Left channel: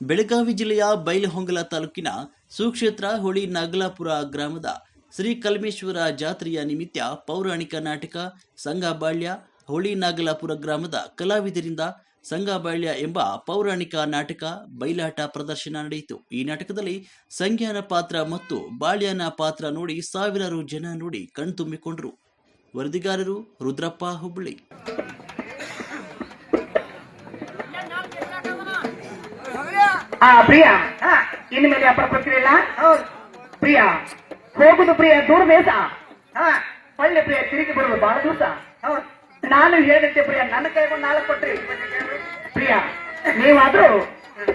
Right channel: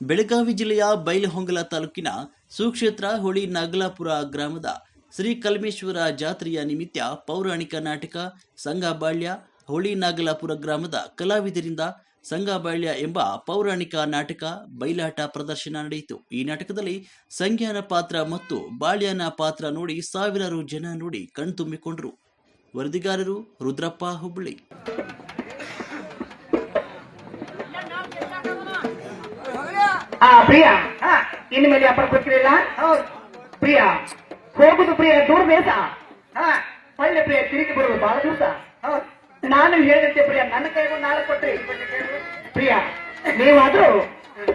ಬೆಳಗಾವಿ ಜಿಲ್ಲೆಯ ಬೈಲಹೊಂಗಲ ತಾಲೂಕಿನ ಸುಕ್ಷೇತ್ರ ಹೊಳಿ ನಾಗಲಾಪುರ ಗ್ರಾಮದ ಶ್ರೀ ಕಲ್ಮೇಶ್ವರ ಜಾತ್ರೆಯ ನಿಮಿತ್ತ ಪೌರಾಣಿಕ ನಾಟಕ ಸಂಗಬಾಳ್ಯ ಹೊಳಿ ನಾಗಲಾಪುರ ಗ್ರಾಮದ ಕಲಾವಿದರಿಂದ ಸಂಗಬಾಳ್ಯ ಎಂಬ ಪೌರಾಣಿಕ ನಾಟಕ ಬಯಲಾಟ ಪ್ರದರ್ಶನ ನಡೆಯಿತು. ಈ ನಾಟಕದಲ್ಲಿ ಸಂಜ್ಞಾನ ಪಾತ್ರ ಮತ್ತು ಬಾಳ್ಯನ ಪಾತ್ರ ನೋಡಿ ಸಾವಿರಾರು ಜನ ನೋಡಿ ಕಣ್ತುಂಬಿಕೊಂಡರು. ವರದಿಗಾರರು ರುದ್ರಪ್ಪ ಹುಬ್ಬಳ್ಳಿ. ಪ್ರಿಯಾ ಇನ್ನು ಮೇಲೆ ಅಪ್ಪ ಕೊಡ್ತೀರಲ್ಲ ಪ್ರಿಯಾ ಹೋಗುದು ಪ್ರಿಯ ದೂರ ಬೇಸ ಒಳ್ಳೆ ಪ್ರಿಯ ತಿರುಗಿ ಬರುವುದು ಬಹಳ ದಿವಸ. ನಾನು ಹೇಳಿದ್ದೆ ಪ್ರಿಯ ನನ್ನ ಕೈಗೊಂಡು ನಾಳೆ ಕೊಟ್ರಿ ಪ್ರಿಯಾ ನೀವಾದ್ರೂ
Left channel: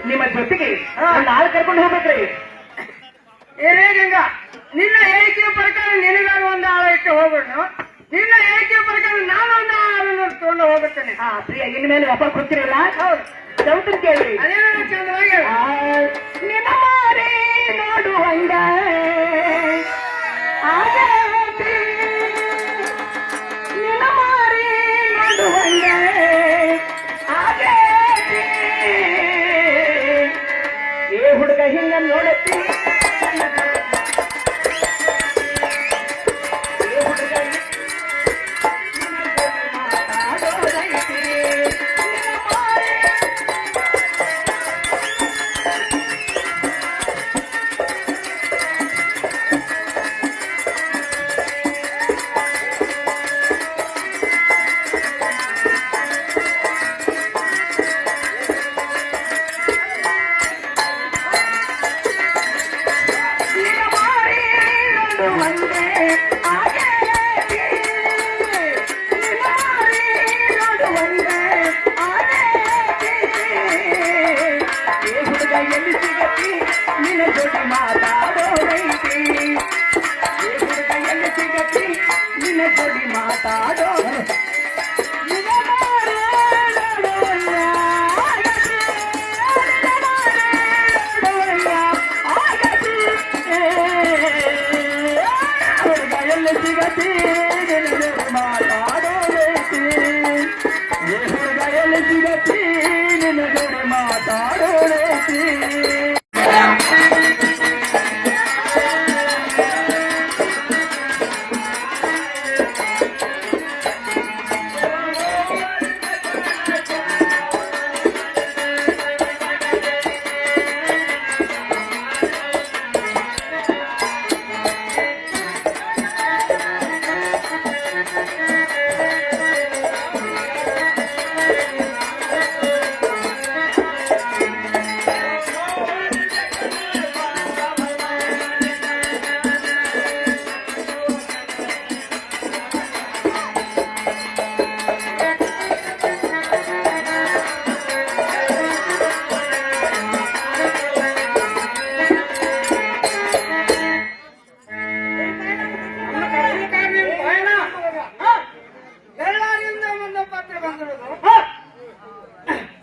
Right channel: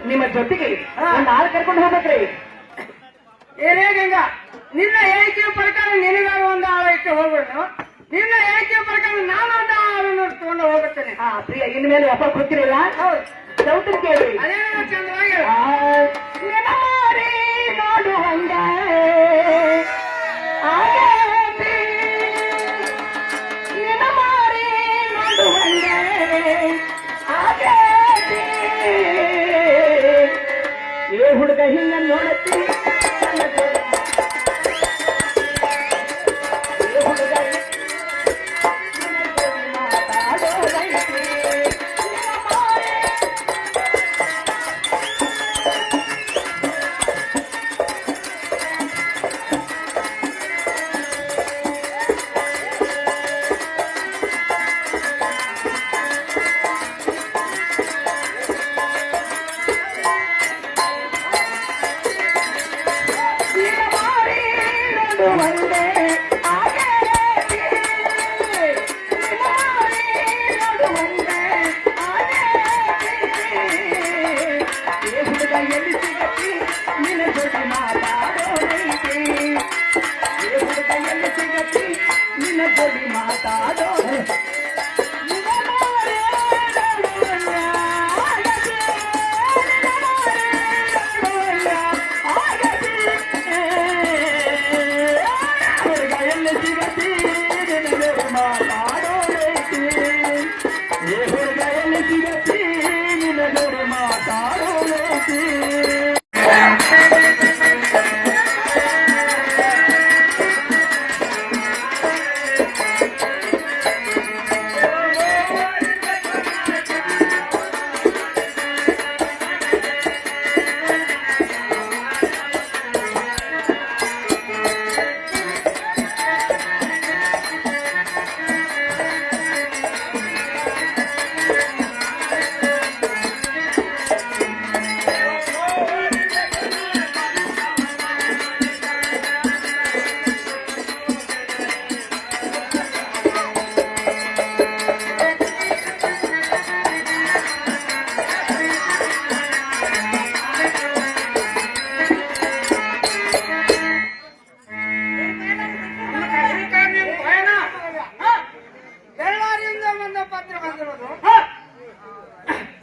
ನಿಮ್ಮ ಜೊತೆಗೆ ನಾಳೆ ಕರ್ಕೊಂಡು ಹೋಗ್ಬೇಕ್ರಿ. ಏನೇ ಗಂಗ ನಿನ್ನ ಹೇಳಿಕೆಯ ಪ್ರಕಾರ ನಿನಗಾಗಿ ಒಂದು ಆಳಕ್ಕೆ ಹೋಗೋಣ, ನಿನ್ನ ಹೇಳಿಕೆಯ ಪ್ರಕಾರ ನಾನು ಒಂದು ಆಳನ್ನು ತಗೊಂಡು ಹೋಗುತ್ತೇನೆ. ಪ್ರಿಯ ಇನ್ನು ಮೇಲೆ ಅಪ್ಪ ಕೊಡ್ತೀರಲ್ಲ ಚಂದ್ರ ಕೇಳಿ ಚಂದ್ರಾಗಿ ನಿನ್ನ ಮಾರಿ ನೋಡು ಹಂಗ ನಿನ್ನ ಮಾರಿ ನೋಡು ಹಂಗ ಏ ಹುಡುಗ ಹಿಂಗ ನೋಡುತ್ತೀನಿ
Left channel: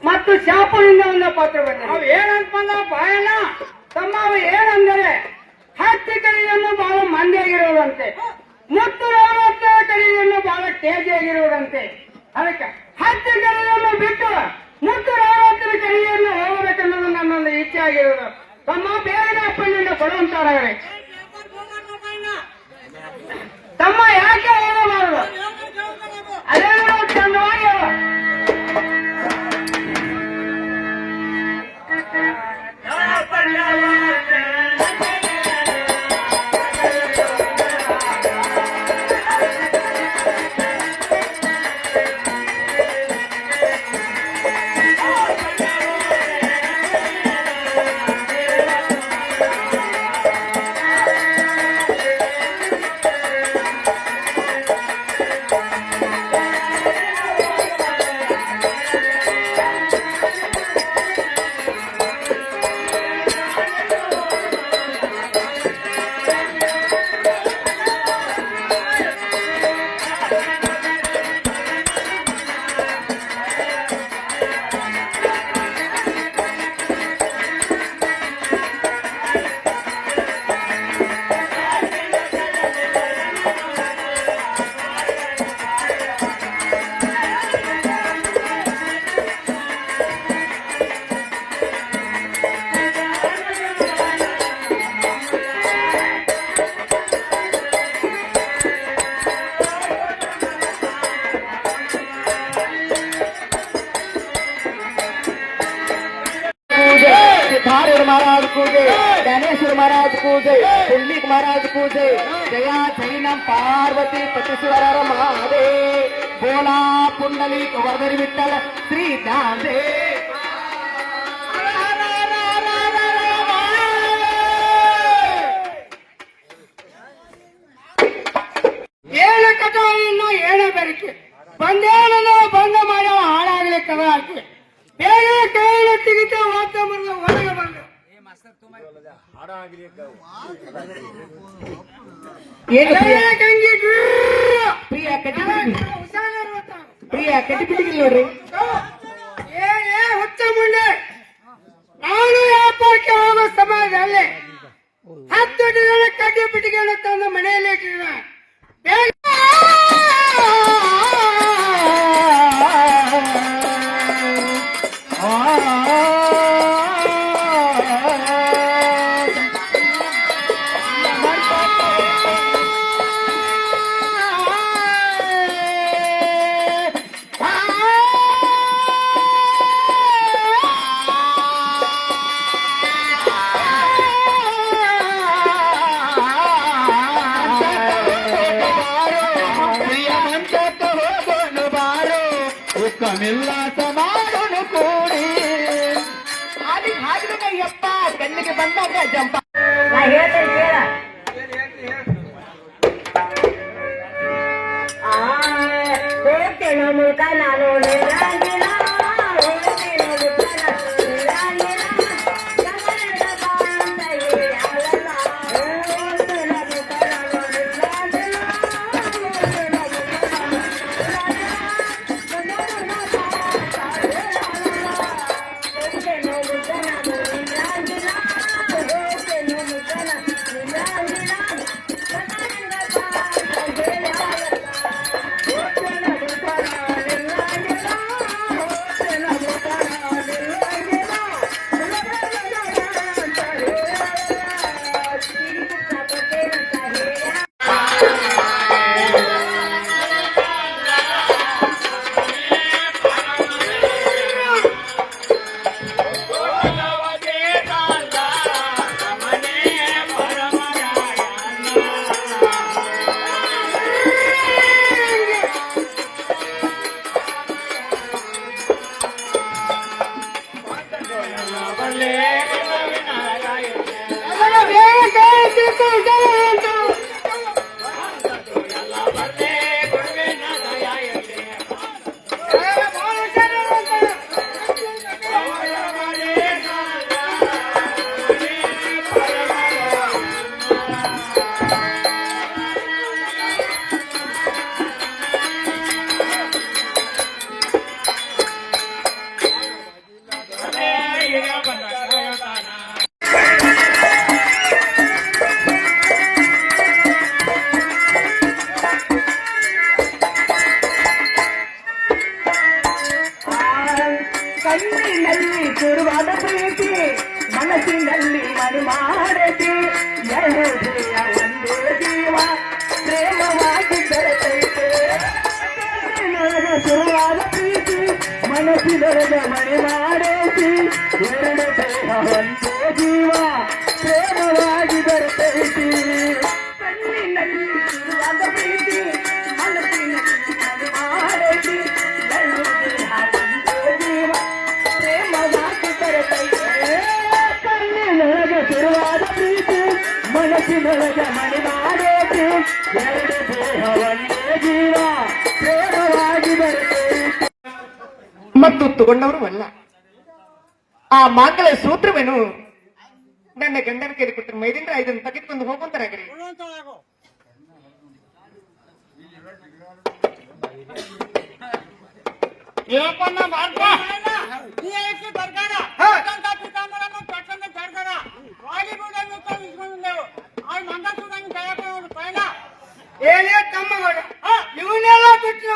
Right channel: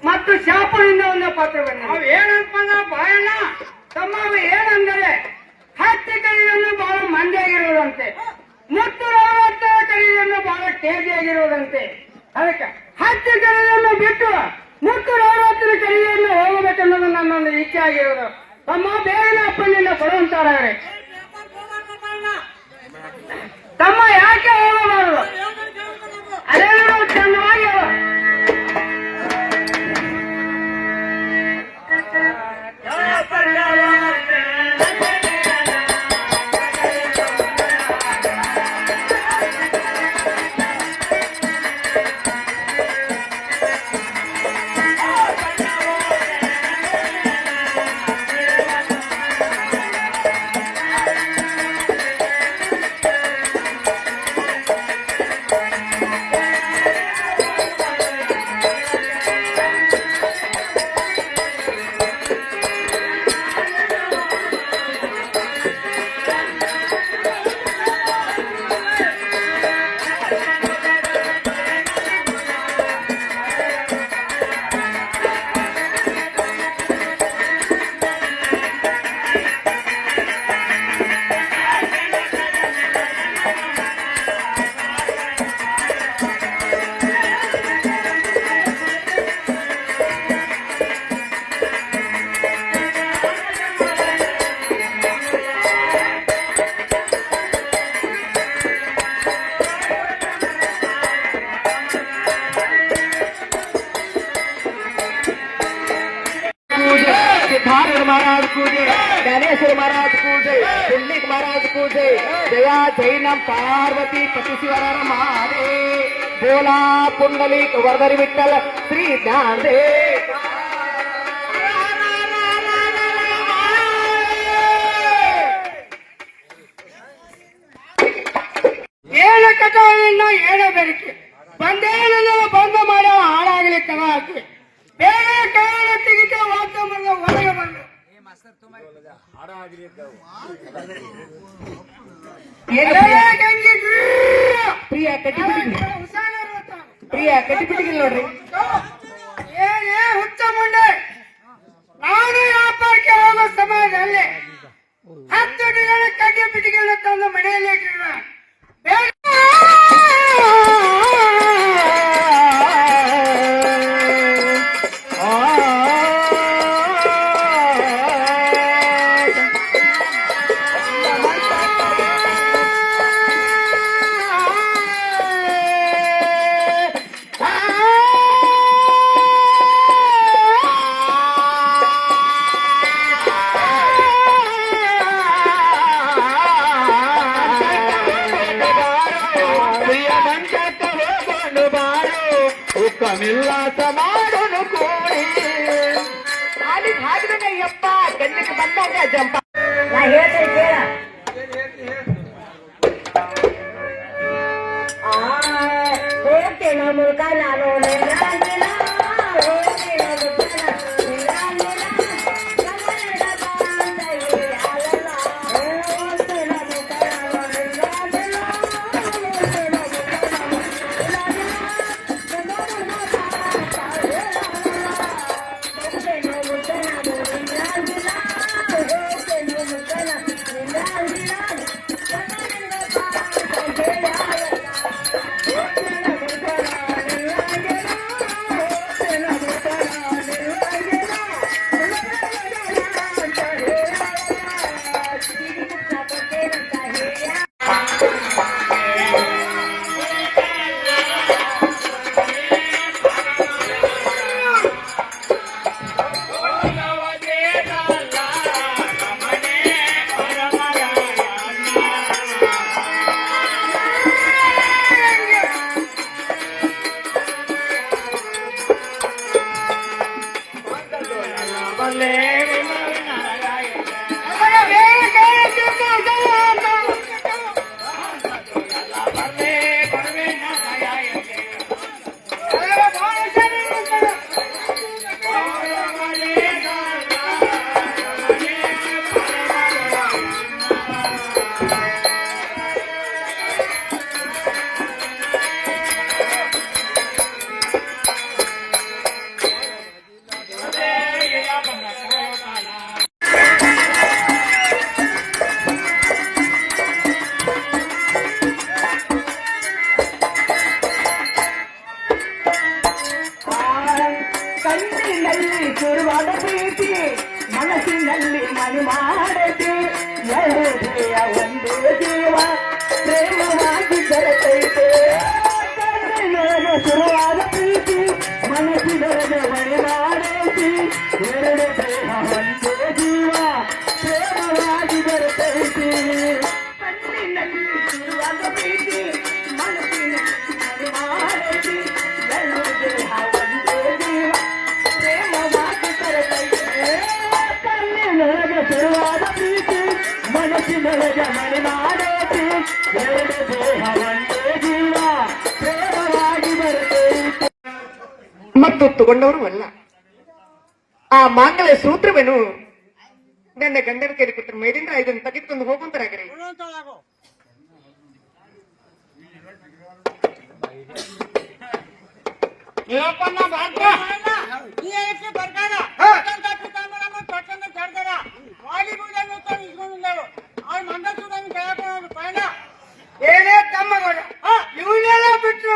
ಮತ್ತು ಶಾಪದಿಂದ ಒಂದು ಪತ್ರ ಬಂದಿದೆ. ಏನಂತ ಬಾಯಣ್ಣ ತಮ್ಮ ಏನಂದರೆ ಹತ್ತಿ ಕರಿಯನ್ನು ಬಹಳ ಮಂದಿಯಾಗಿರುವುದಂತೆ, ಮುತ್ತು 40 ಕರಿಯನ್ನು ಬಹಳ ತೇಜಿಯಾಗಿರುವುದಂತೆ. ಅದಕ್ಕೆ ಹತ್ತಿ ಕರಿಯನ್ನು ಬಿಟ್ಟು ಮುತ್ತು 40 ಕರಿಯನ್ನು ಹೋಗಬೇಕೆನ್ನುವುದು ನನ್ನೊಂದು ಇಚ್ಛೆ ಆಗಿರುವುದು. ತಮ್ಮ ಬೇರೆ ಅಪ್ಪನಿಂದ ಕೊಡುವಂತಾರೆ. ತಮ್ಮ ಯಾಕೆ ಹೋಗಬಾರದು? ಅದೇ ಚಂದ್ರವಾಗಿ ಪೂಜೆ ಜಯ ಜೈನಂ ಪಾರ್ವತಿ ಪತಿಸುವರರ ಮಾದೆ ಭೋಲಾ ಪುಂಡಲಿ ವರ್ಧರಿ ವಿಠಲ ಶ್ರೀ ಜ್ಞಾನದೇ ಏನ ಕಥೆಯನ್ನ ಏನ ಬೆರಿಕೆ ಬಂದೇನೋ ಭಂಗ ಮಾಡೋ ಹಾಳಾಗಲಿ ಕವಾಕೆ ಬೇಗ ಕಾವಲು ತೆಗಿತ ವಾತ ಮರದ ಒಳಗೆ ಬಂದು ಪ್ರಿಯ ಕಟ್ಟಿಬಿಟ್ಟಿಗೆ ನೋಡ್ರಿ ಏನೇ ಹುಚ್ಚ ಮುಂಡೆ ನಾನು ವ್ಯಾಪಾರಕ್ಕೆ ಹೋಗುವ ಸಮಾಜದಲ್ಲಿ 10 ದಿನದ ಕಡ್ಡಿ ಬಿಟ್ಟಿಗೆಯನ್ನು ತಂದು ಮನೆಯಲ್ಲಿ ಇಟ್ಟಿರುವ ನಿಲ್ಲಾಸ ಮಾಡೋನು ಕೋರಿ ಅಲ್ಲಿ ಹಾಡಿದಯ್ಯಪ್ಪ ಗಣ್ಣಿಗೆ ಬಂದಾಗ ಜಂಪ ನಾ ಹೇಳ್ತೇನೆ ಕೇಳ ಹೋಗ್ತೇನೋ ಮುಖ ನಾನು ಶುರುವಾದ ಪ್ರೀತಿ ಮನಸ್ಸಿನಲ್ಲಿ ಮನೆ ಮಾಡತಿ ಒಂದೇ ಜೀವ ಪ್ರೇಮವಾಗಿ ಬೆರೆತೈತೆ ಶುರುವಾದ ಪ್ರೀತಿ ಮನಸ್ಸಿನಲ್ಲಿ ಮನೆ ಮಾಡತಿ ಎರಡು ದೇಹ ಒಂದೇ ಜೀವ ಪ್ರೇಮವಾಗಿ ಬೆರೆತೈತಿ ಕಣ್ಣಿನಲ್ಲಿ ಶುರುವಾದ ಪ್ರೀತಿ ಮನಸ್ಸಿನಲ್ಲಿ ಮನೆ ಮಾಡತಿ ಮನಸ್ಸಿನೊಳಗ ಮನೆ ಮಾಡೇತಿ ಎರಡು ದೇಹ ಒಂದೇ ಜೀವ ಪ್ರೇಮವಾಗಿ ಬರಬೇಕು ಮತ್ತು ತಗೊಂಡವರು ಅಲ್ಲ ಆ ಮಾತುಗಳ ಸೂತ್ರವೇನು ನನ್ನ ಗಂಡನ ಕೈಲಿ ಕೊಟ್ಟರೆ ಮೈಲಿಂದ ಇದನ್ನು ತೆಗೆದುಕೊಂಡು ಹೋಗುವಂತರಾಗ್ರಿ ಏನೇ ತಮ್ಮಗಳು ಇವನ್ನೆಲ್ಲ ಬಿಟ್ಟು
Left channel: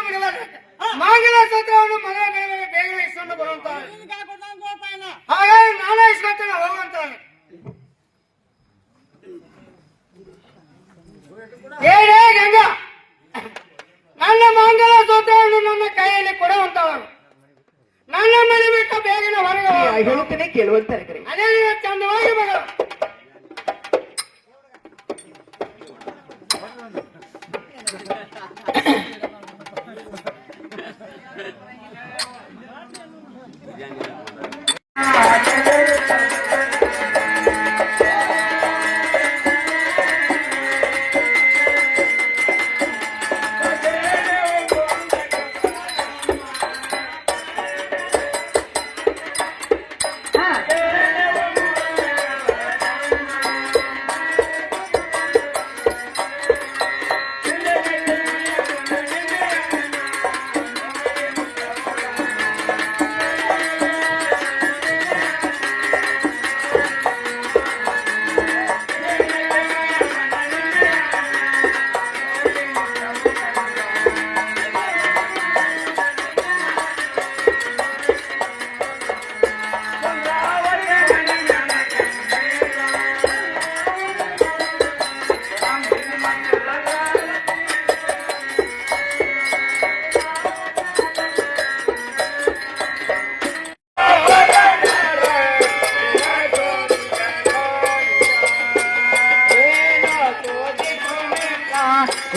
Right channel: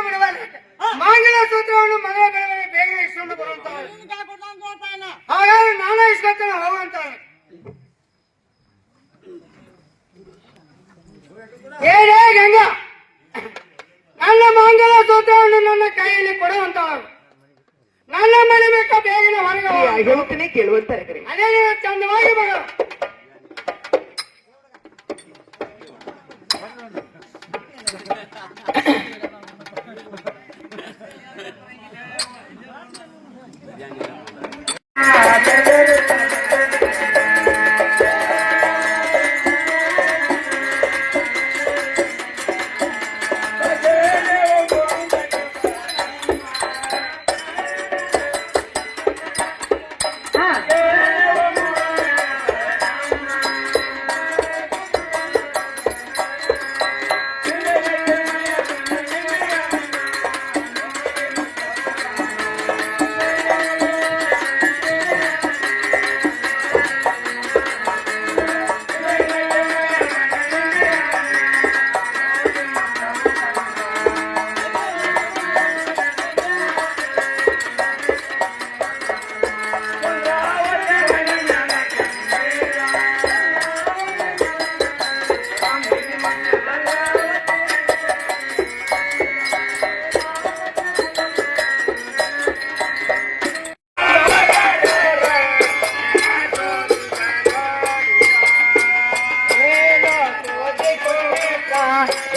ಮಾಂಗಲ ಸೂತ್ರವನ್ನು ಮಗ ಬೇಗ ಇಸ್ಕೊಂಡು ಬರುವಂತ ನಾನೇ ಇಸ್ಕೊಳ್ತೇನೆ ಹೋಗುವಂತಾನೆ ಏನೇ ಗಂಗ ನನ್ನ ಮಾಂಗಲ ಸೂತ್ರವನ್ನು ನನ್ನ ಕೈಯಲ್ಲಿ ಕೊಡುವಂತವರು ನನ್ನ ಮನೆ ಬೇಕಾ ಬೇಗನೆ ಹೊರಗೆ ಹೇಳ್ತೇನೆ ಕೇಳುವಂತಾರೆ ಅದೇ ಚಂದವಾಗಿ ಮಗ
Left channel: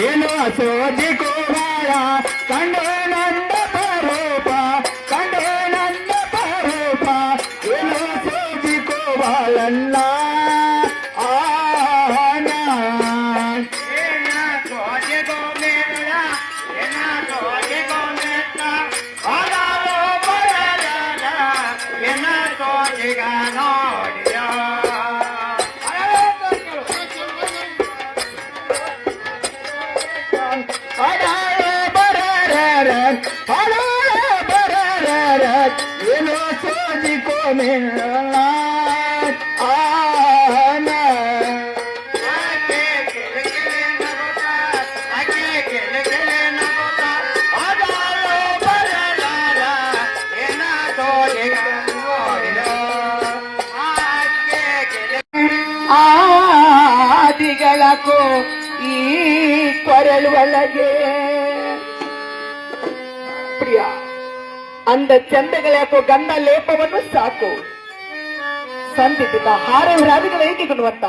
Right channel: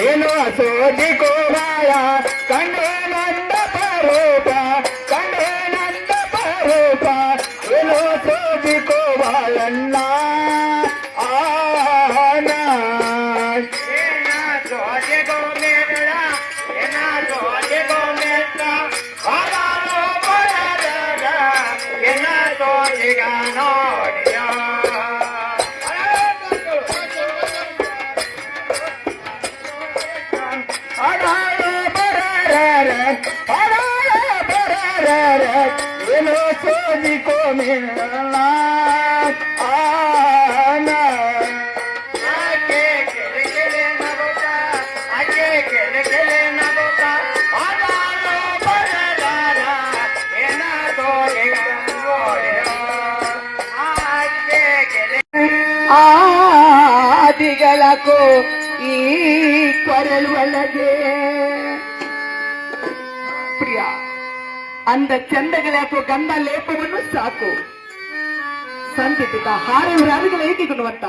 ಏನೋ ಸೋದಿಕೋ ಮಾಯ ಕಂಡೇನಂದ ಪರೂಪ ಕಂಡೇನಂದ ಪರೂಪ ಏನೋ ಸೋದಿಕೋ ಬಾಳಣ್ಣ ಏನೋ ಸೋದಿಕೋ ಮೇಳ ಆದಿಗಳಕ್ಕೂ ಈ ಕೊರಳುವಳಗೆ ಪ್ರಿಯ ಅಂದ ಚಂದಗಳಾಕೋ ಗಂಧ ಲೇಪವನ್ನು ಸಾಕು ಸಂಧಿತ ಹಾರವಿರಾದಿಗಳ ಹೇಗಿಗುಣವಂತ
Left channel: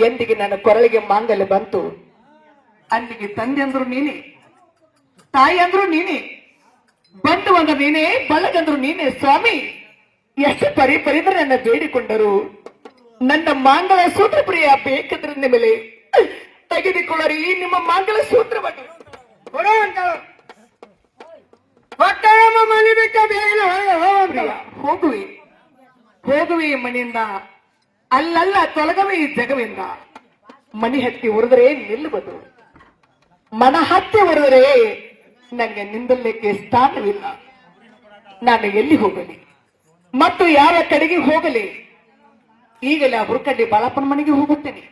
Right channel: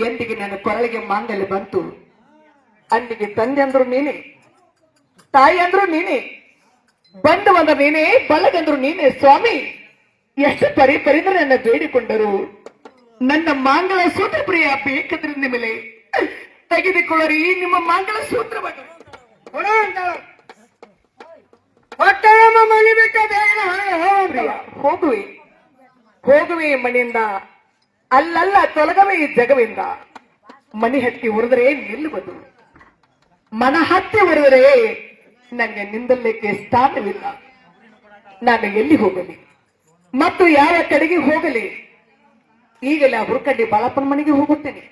ಎಂದಿಗೆ ನನ್ನ ಕೊರಳಿಗೆ ಮಾಂಗಲ್ಯ ಬಂತು ಅಂದಿಗೆ ತಂದೆ ಅಂದ್ರು ನೀನೆ ತಾಯಿ ಅಂದ್ರು ನೀನೆ ಬಂಧುವಂದ ನೀನೆ ಬಲಗಂದ್ರು ನೀನೆ ಸ್ವಾಮಿ ಎಷ್ಟು ಪರಿದ್ರೆ ನನ್ನ ಬೇಡಿಕೊಂಡರು ನನ್ನ ಮಾಂಗಲ ಸೂತ್ರ ಪ್ರಿಯ ಬೇಕದ್ರಿಂದ ಮೇಲೆ ತೆಗೆದುಕೊಳ್ಳರಿ ನಿಮ್ಮ ಮಾಂಗಲ ಸೂತ್ರವನ್ನು ಹೋಗುವೆ ಹೋಗುವೆ ಮನೆಯಿಂದ ಅಲ್ಲಲ್ಲ ತೊಲಗವೇ ಜಗವಿಂದ ಮನೆ ಹತ್ತಿ ಉರಿದರೆ ನಿಲ್ಲುವುದು ಮನ ಹತ್ತಿ ಉರಿದರೆ ನನಗೆ ನಿಂದಲಿಕ್ಕೆ ಸ್ಥಾನವಿಲ್ಲ ನಾನು ಎಲ್ಲಿ ಹೋಗಲಿ ಮತ್ತು ಯಾವ ಕಡೆಗೆ ಹೋಗಲಿ ಈಗಲೇ ಆ ಹುಡುಕಡ್ಡಿ ಬಾಳಪ್ಪನ ಮನೆಗೆ ಹೋಗುತ್ತೇನೆ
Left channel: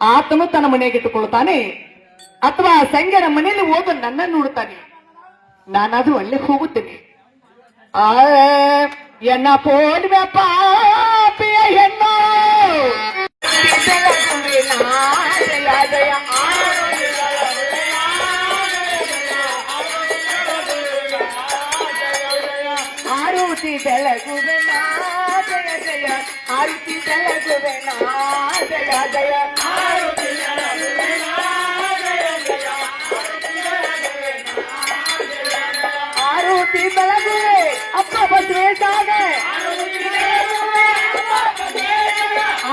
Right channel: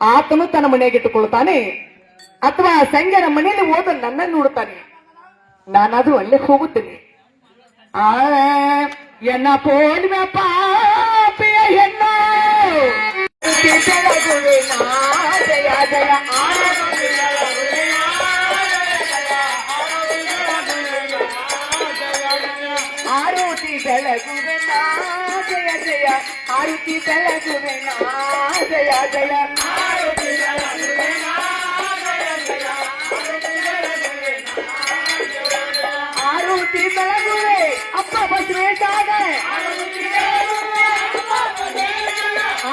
ಆತನು ತನ್ನ ಮನೆಯಾಗಿಟ್ಟುಕೊಳ್ತಾನೆ ಅಥವಾ ಸಂಗನ ಮನೆಯಲ್ಲಿ ಹೋದ ನನ್ನನ್ನು ನೋಡುತ್ತಾನೆ ನಾನಾದ್ರೂ ಅಲ್ಲೇ ಹೋಗುತ್ತೇನೆ ಎನ್ನ ಪೋಲ್ವೆ ಪಾಪಿಯ ಹೆಣ್ಣ ಆರುತಿ ಬೆಳಗುವೆ ಜಯ ಜಯ ಆರುತಿ ಬೆಳಗುವೆ ಜಯ ಜಯ ಆರುತಿ ಬೆಳಗುವೆ ಅಪ್ಪ ಬಸವೇಶಾಗ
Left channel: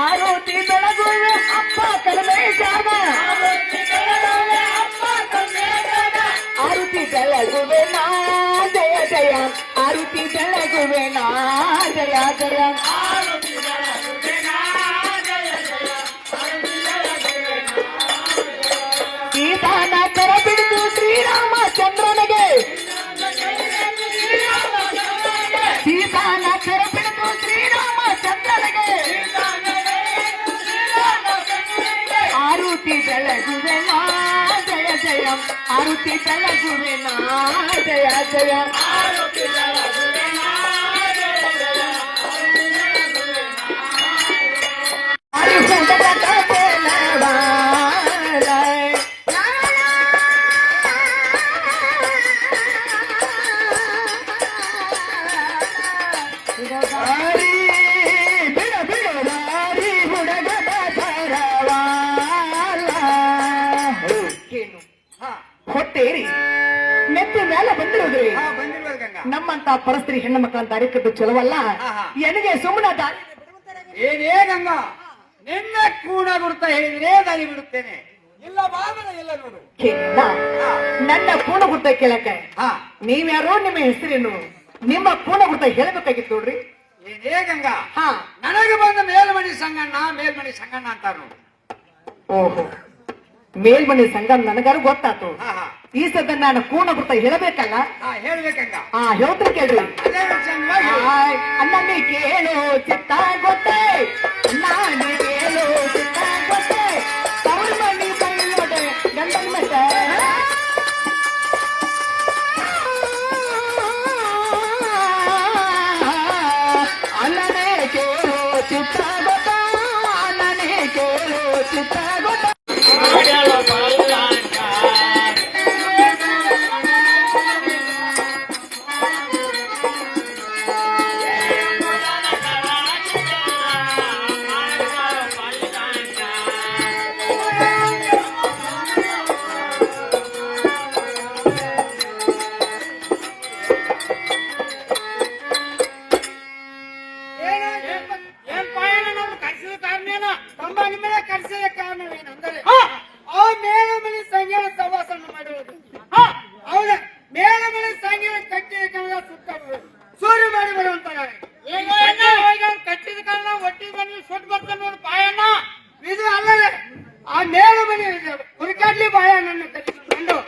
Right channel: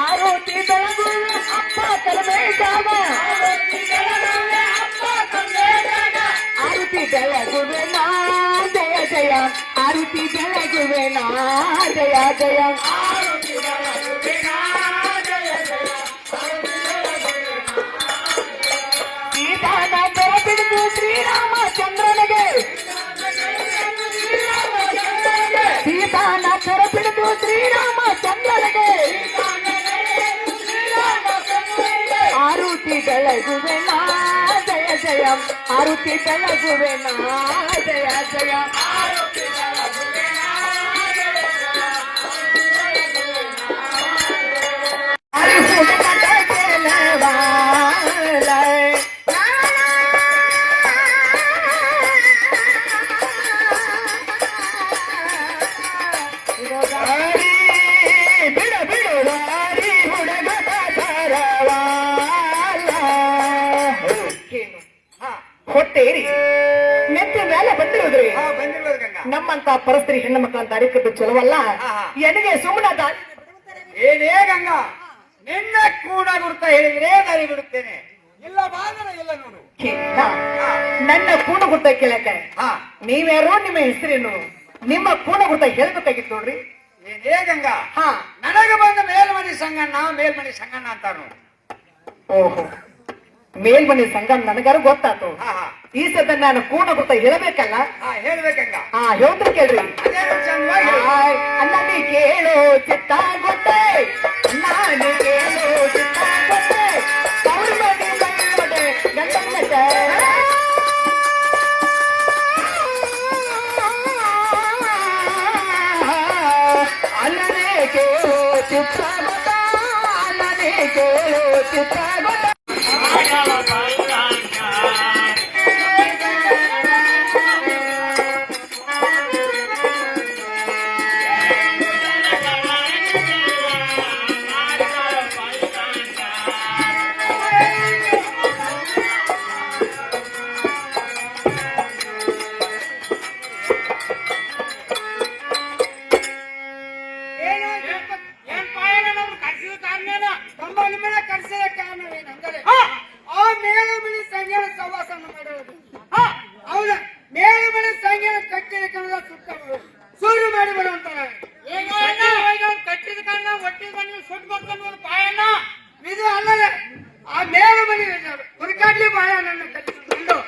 ಆರುತಿ ಬೆಳಗುವೆ ಅಪ್ಪ ಕಲ್ಮೇಶಾಗ ಆರುತಿ ಬೆಳಗುವೆ ಜಯ ಜಯ ಆರುತಿ ಬೆಳಗುವೆ ಜಯ ಜಯ ಸೀತಾನ ಕರ ಬಿಡಿದು ಶ್ರೀರಾಮಚಂದ್ರನಿಗೆ ಸೀತಾನ ಕರ ಬಿಡಿದು ಶ್ರೀರಾಮಚಂದ್ರನಿಗೆ ಆರುತಿ ಬೆಳಗುವೆ ಜಯ ಜಯ ಆರುತಿ ಬೆಳಗುವೆ ಜಯ ಜಯ ಸೇರಿ ಹೆಣ್ಣು ಮಕ್ಕಳನ್ನ ತಾರೀಕದ್ದು ಚಲವಲ್ಲ. ಎನಗೆ ಸುಮ್ಮನೆ ಏನೇ ಗಂಗ ನಿನ್ನ ಕೂಡ ಗುರುತ ಹೇಳಿದ್ರೆ ದಾರಿ ಬಿಡುತ್ತೇನೆ, ಇಲ್ಲ ಬಾಗಲ ಇಲ್ಲ ನೋಡು. ನನ್ನ ಪೂರ್ಣ ಗುರ್ತ ಕೇಳಕ್ಕೆ ನೀವ್ಯಾರೋ, ನಿಮ್ಮ ಹೆಸರೇನು, ನಿಮ್ಮ ಪೂರ್ಣ ಗುರ್ತ ಹೇಳ್ಬೇಕಾಗಿತ್ತು ನೋಡ್ರಿ. ಏನೇ ಗಂಗ ನನಗೆ ಬಂದ ಮೇಲ್ಮನಿ ಸಂಗಣ್ಣ ಮೇಲ್ಮನಿ ಸಂಗಣ್ಣ ಅಂತಾರ. ಓಹೋ, ಮೇಲ್ಮನೆ ಸಂಘ ನನಗಾರು ಗೊತ್ತಾತು. ಈ ಸದ್ದ ನಾನು ಪೂರ್ಣ ಗುರ್ತ ಹೇಳಬೇಕಲ್ಲ. ಹೇಳ್ಬೇಕಂಗ ಹೇಳ್ತೀನಿ ಕೇಳ್ರಿ. ಚೆನ್ನಾಗಿ ಅನ್ನಿ ಕೇಳು ಚಿತ್ತ ಗೊತ್ತೇ, ನಾನು ಕೇಳು ಚಿತ್ತ ಗೊತ್ತೇ, ಅವ್ರನ್ನಲ್ಲಿ ಬಲ್ಲದೆ ನನ್ನನ್ನತೆ. ಅಲ್ಲನೆ ಕೇಳು ಚಿತ್ತ ಗೊತ್ತೇ, ಅಲ್ಲನೆ ಕೇಳು ಚಿತ್ತ ಗೊತ್ತೇ. ಏನ್ ಪಾಯಣ ನನ್ನ ಕರ್ಸಿದ ಕಾರಣ ತಮ್ಮ ನಿಮ್ಮನೆ ಕರ್ಸಿದ ಕಾರಣವೇನೆಂದರೆ ಆ ಮೇಲಮನೆ ಸಂಗೀತ ಸವಾಸನ ಮಾಡಿರೋದು. ಹೌದ, ಮೇಲಮನೆ ಸಂಗೀತ ಕಟ್ಟಿದ ಕಾರಣ ಸುತ್ತ ಸೂರ್ಯ ಮಾಡಿ ಬರುವಂತಾರೆ. ಕಟ್ಟಿದ ಕಾರಣ ಒಟ್ಟಿಗೆ ಬಂದು ಸುಟ್ಟು ಬರ್ತೇನೆ ನೋಡಿ ಪಾಯಣ್ಣ. ಇದು ಅಲ್ಲದೆ ಆ ಮೇಲಮನೆ ಹುಡುಕಾಡ್ಲಿ ಪಾಯಣ್ಣನ್ನು ಕಟ್ಟಿಕೊಂಡು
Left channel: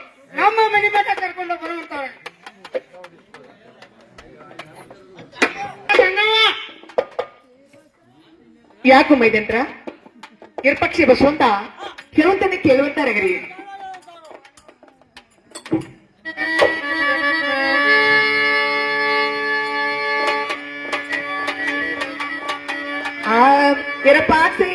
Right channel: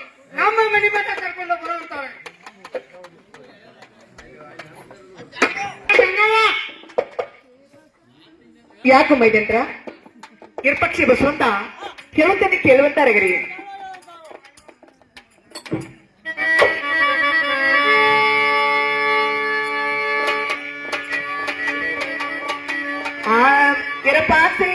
ನಮ್ಮ ಮನೆ ಮಠ ಕರ್ಕೊಂಡು ಬರುವಂತಾರೆ. ಯಾಕು ಮೈದಂತ್ರ ಕಿರ್ಪಕ್ಷಿ ಬಸವಂತ ಕೇಳುತ್ತಾನೆ ಕೇಳುವಂತಾರಗರಿ. ಕಿರಪಾಕ್ಷಿ